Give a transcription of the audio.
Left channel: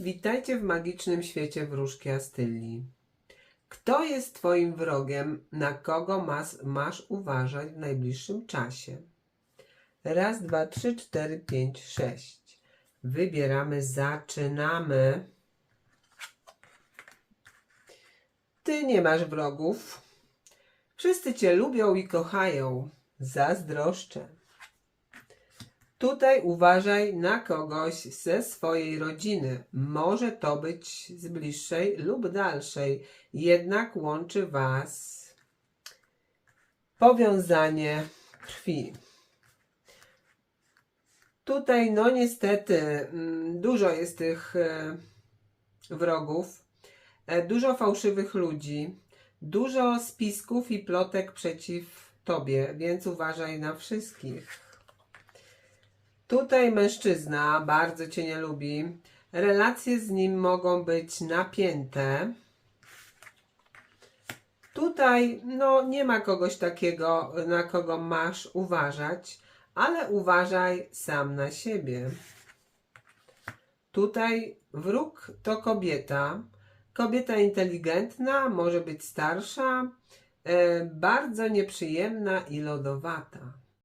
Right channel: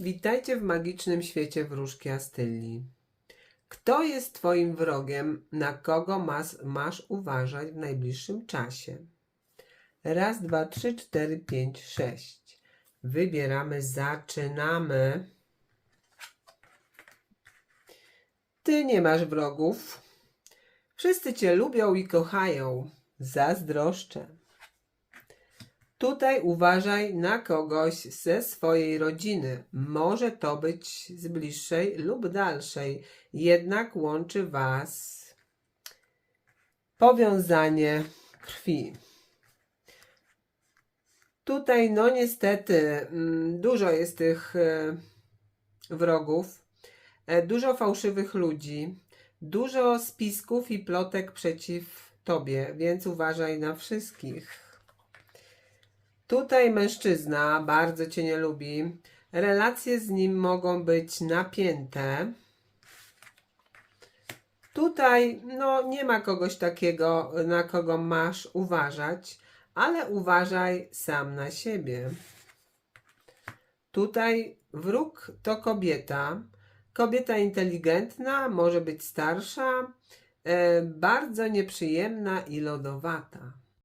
Witajcie w magicznym świecie wróżki Astylii. Kto jest Twoim wrogiem? Na kogo mas, masz uważać w najbliższym czasie? Raz, dwa, trzy, cztery, pięć, sześć. Wybieramy, zaczynamy. Ty nie masz wrogów. Wszyscy Cię lubią i kochają. Zazdroszczę. Tutaj uważaj na kogoś ze swojej rodziny. Może to być z bliższej lub dalszej, jednak łączy Was powiązanie krwi. Tutaj, no niestety, mm, dużo jest tych e, wrogów, e, dużo fałszywych ludzi, dużo spisków i plotek przeciw Tobie, więc uważaj na wszystkich. Tutaj mężczyzna bardzo cię nie lubi. Relacje z nim mogą być napięte. Tutaj no, nie ma kogoś takiego, na kogo masz uważać, ale uważaj sam na siebie. Tutaj wróg to kobieta. Kobieta inteligentna, może być starsza, e, bardzo nieprzyjemna i lodowata.